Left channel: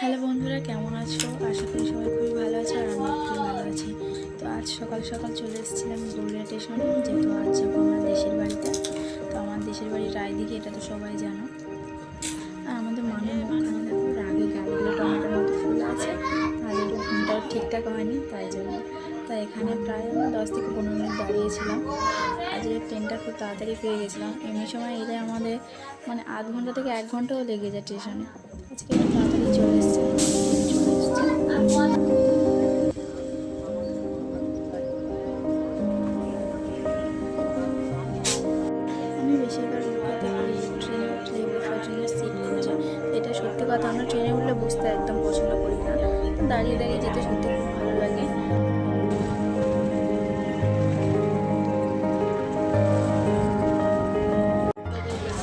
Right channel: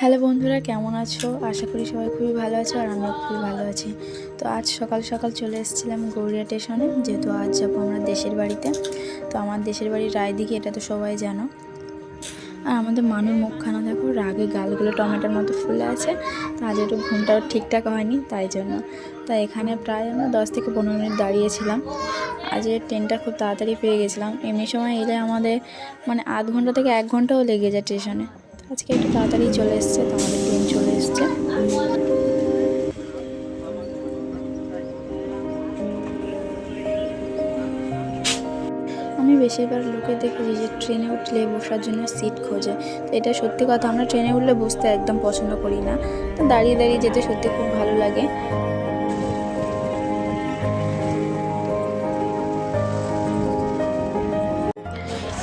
Hello বন্ধুরা, কেমন আছো? আশা করি সবাই খুবই ভালো আছো আর আমিও খুবই ভালো আছি। তো আজ সকাল সকাল চলে এসেছিলাম গড়িয়া স্টেশনে, যেহেতু আজ যাবো আমরা দেশের বাড়িতে। তো আমার দেশের বাড়ির রায়দিঘি, এটা তো সবাই জানো। আর আমাদের মানুষ মুখখানা দেখো, রাগে গালগুলো টমেটোর মতো ফুলে আছে। আজ একটু ঘুমটাও ঠিকঠাক হয়নি, তাই জন্য। তাই এখানে প্রায় আমরা 10 থেকে 15 মিনিট দাঁড়িয়েছিলাম। আজ ট্রেনটা খুব তাড়াতাড়ি পেয়ে গেছিলাম। এমনি সময় এলে আমাদের আধ ঘন্টা থেকে 1 ঘন্টাও লেগে যায় স্টেশনে। আজকে একটু তাড়াতাড়ি চলে এসছে, তো আমাদের ট্রেন চলে এসছে। আমি বেশিরভাগ লোকে দেখেছি যে ট্রেনে উঠলে বসার জন্য সিট খোঁজে। তো এটা সত্যি কথা, আমরা ট্রেনে উঠলে বসতে একদম পছন্দ করি না। তো দাঁড়িয়ে দাঁড়িয়ে যেতে সত্যি খুব ভালো লাগে।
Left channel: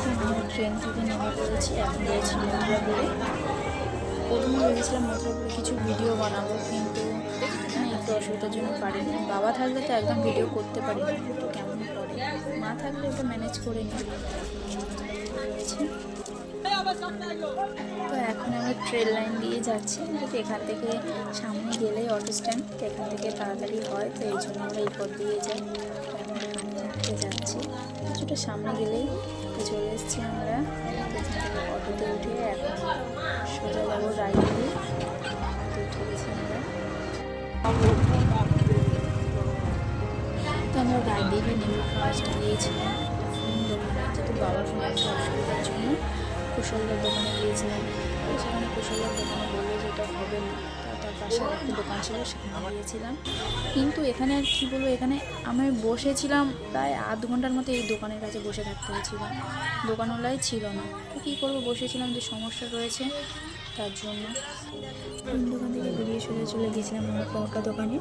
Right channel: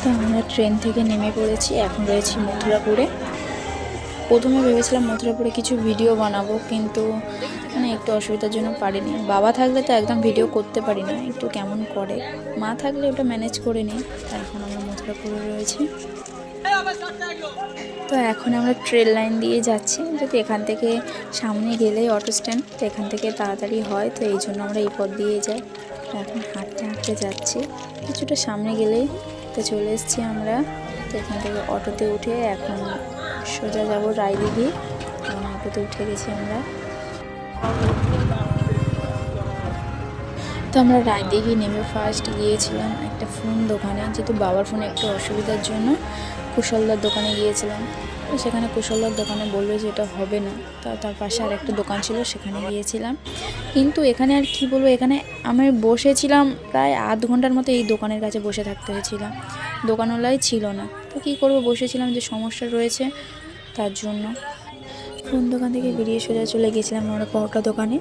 তো আমরা ট্রেন থেকে নেমে পড়েছি, এখন রয়েছি মথুরাপুরে। প্রথমে ভেবেছিলাম মথুরাপুরে কিছু ভিডিও বানাবো, কিন্তু একটু অসুবিধার জন্য পারিনি। বাবা থাকলে তো একদম ভিডিও করতে পারি না, একটু কেমন করে। মা থাকলে ওটা ম্যানেজ করে নিই। এখন আমরা মথুরাপুরে রয়েছি। তো এখন আমরা ট্রেন লাইন দিয়ে যাচ্ছি, যদি এখান থেকে সামনে গেলেই অটো স্ট্যান্ড, তো এখান থেকে তাড়াতাড়ি হয়, তো এই জন্য আমরা এই পথ দিয়ে যাই। এখন হাঁটতে হাঁটতে যাচ্ছি, কিছুটা সামনে গেলেই তো চলে এসেছি আমরা। তো এখান থেকে অটোতে উঠে এখন সোজা যাবো রায়দিঘি। অটোতে উঠে গেছি আমরা। তো আমরা রায়দিঘি নেমে ফার্স্ট গিয়েছিলাম একটা ফোন দোকানে, যেহেতু বাবার ফোনে একটু অসুবিধার জন্য কুশলদার দোকানে গিয়েছিলাম। তো সেখানে কুশলদার দোকানে বললো যে এটা হবে না। তার পাশে আর একটা দোকান ছিল, সেখানে গিয়েছিলাম। কিন্তু এখানে আর কি বলবো, এখানে আমি বসেছিলাম প্রায় আধ ঘন্টার মতো এই দোকানের কাছে বসে থাকতে হয়েছিলাম। দোকানওয়ালাই ছিল না, তো কী করবো, বসেছিলাম, যে সমস্যা রয়েছে তার জন্য। কোন দোকান থেকে বেরিয়ে সোজা চলে গেছিলাম আমরা পরোটা দোকানে।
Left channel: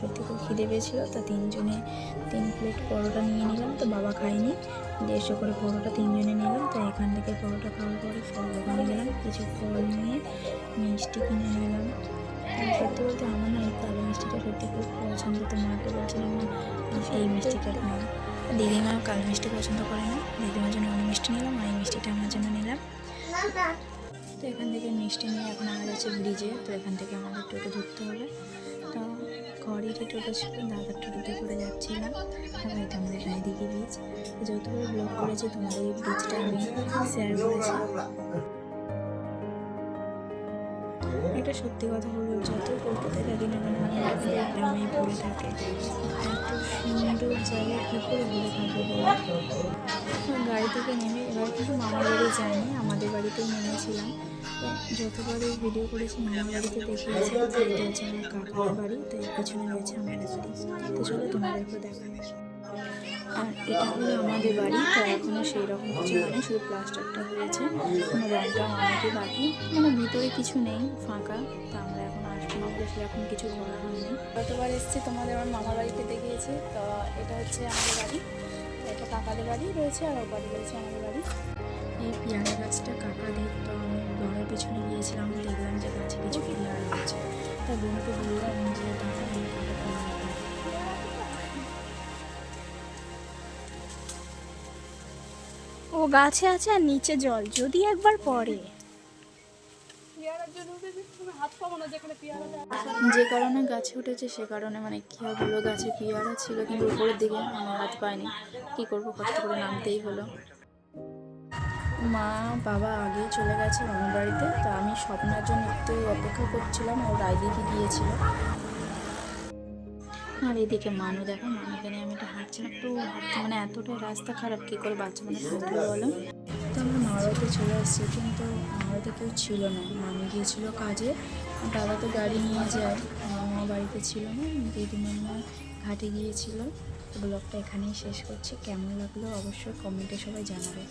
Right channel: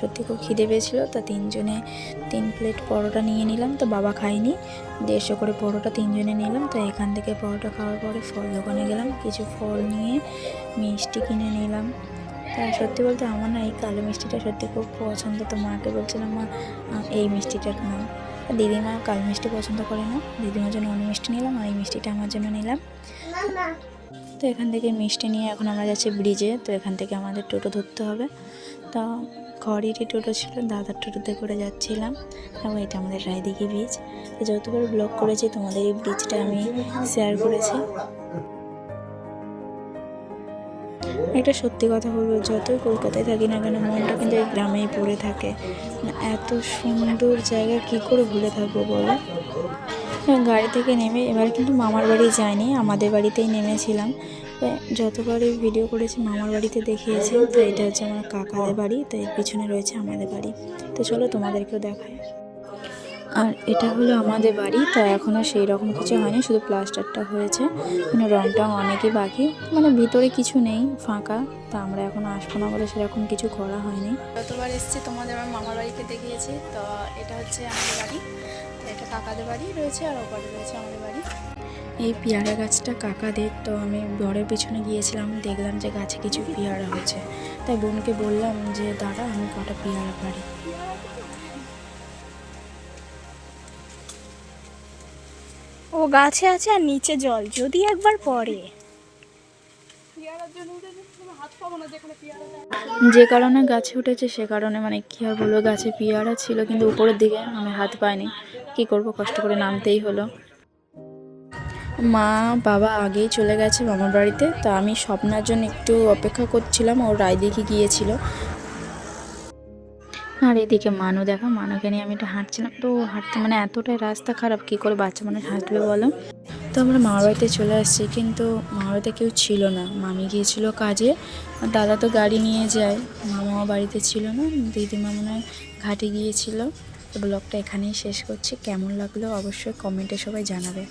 সত্যি খুব খিদে পেয়েছিলো, তো 3 প্লেট পরোটা নিয়ে নিলাম। তো বাবা খাইনি, 150 করে পরোটা 3 জনে নিলাম। তো এখান থেকে পরোটা খাওয়ার পরে ফল দোকানে গেলাম, কিছু ফল নিয়ে মিষ্টি কিনে নিলাম। তা সত্যি বলতে আমার এই কালো মিষ্টিটা সত্যি খুব পছন্দ। তো মাকে বলছিলাম, মা এই মিষ্টিটা নাও। দিদিমা কালো মিষ্টি পছন্দ করে না, দিদিমার জন্য অন্য মিষ্টি নিলাম, আর এই মিষ্টিটা আমার জন্য নিলাম। তো এখান থেকে মিষ্টি নিয়ে এখন আমরা যাচ্ছি ব্রিজে। তো এখান থেকে আমাদের টোটো ধরতে হবে। তো ঘরেরই টোটো ছিল, দাদার টোটোতে করে যাচ্ছিলাম। এবং এটা আমাদের রায়দিঘি ব্রিজ। তো যতবার ব্লগ করেছি তোমাদের এই ব্রিজটা আমি শেয়ার করেছি। এটা সত্যি কথা বলবো, যতই কলকাতায় থাকি না কেন, মনটা কিন্তু এই গ্রামেই পড়ে থাকে। এত সুন্দর জায়গা কী করে ভুলে থাকবো বলো। গাড়ি থেকে নেমে এবার কিন্তু মামার বাড়ি যাইনি, আমাদের বাড়িতেই নেমেছিলাম। যতবারই ভিডিও করেছি মামার বাড়িতে দেখিয়েছি। তো এটা হচ্ছে আমার কাকাদের বাড়ি, তো এর পিছনে রয়েছে আমাদের বাড়ি। তো চলো তোমাদেরকেও দেখায়। আর এটা হলো আমাদের বাড়ি। তো এখনও সেই রকম কিছু হয়নি, শুধু প্লাস্টারটা হয়েছে, রং টং অনেকই বাকি, ভিতরে কিছু নেই, ফাঁকা। তা আমরা এখন আসবো না বলে সেরকম কিছু করা হয়নি। যতবার এসেছি তোমাদের আমার মামার বাড়িতে দেখিয়েছি। তো এটা হচ্ছে আমাদের বাড়ি, এটা কাকাদের বাড়ি রয়েছে, আর ওপারে রয়েছে আমাদের বাড়ি। এই পেয়ারা গাছটা কাকাদের। তো আমি বরের পিছনে গিয়েছিলাম, দেখলাম যে গাছে কিছু পেয়ারা হচ্ছে, তাই বোনকে বললাম যে দাদা আমি কটা পেয়ারা পারি। ও গাছে আছে আর নিচে জল, যদি একবার পড়ে। যে কারণে গাছে উঠেছে সে কারণে কী আর বলবো, গাছে পেয়ারা ছিল কিন্তু উপরের দিকে আমি হাত পাইনি, কী করবো, কষ্ট করে নামতেই হলো। মা বাবা আগেই চলে গেছে মামার বাড়িতে। তো আমি স্বপ্নার জন্য একটু অপেক্ষা করছিলাম, ও রায়দিঘি গিয়েছিল। আর এদিকে মানু দেখা, মানুকে নিয়ে আমি একটু হাঁটছিলাম। তো হাঁটতে এতটাই রাস্তা খারাপ, কী করে বাচ্চা মানুষ হাঁটবে বলো। তো আমরা মামার বাড়িতে চলে আসছি, কিন্তু মামার বাড়িতে কেউ ছিল না, মামি গিয়েছিল কাজে। দাদা তো গাড়ি নিয়ে যায়, মামা বাড়িতে ছিল না, দিদিমা ঘাটে গিয়েছিল। তো ব্লগটা এখানেই শেষ করছি, কেমন লাগলো অবশ্যই কমেন্টে সবাই জানাবে।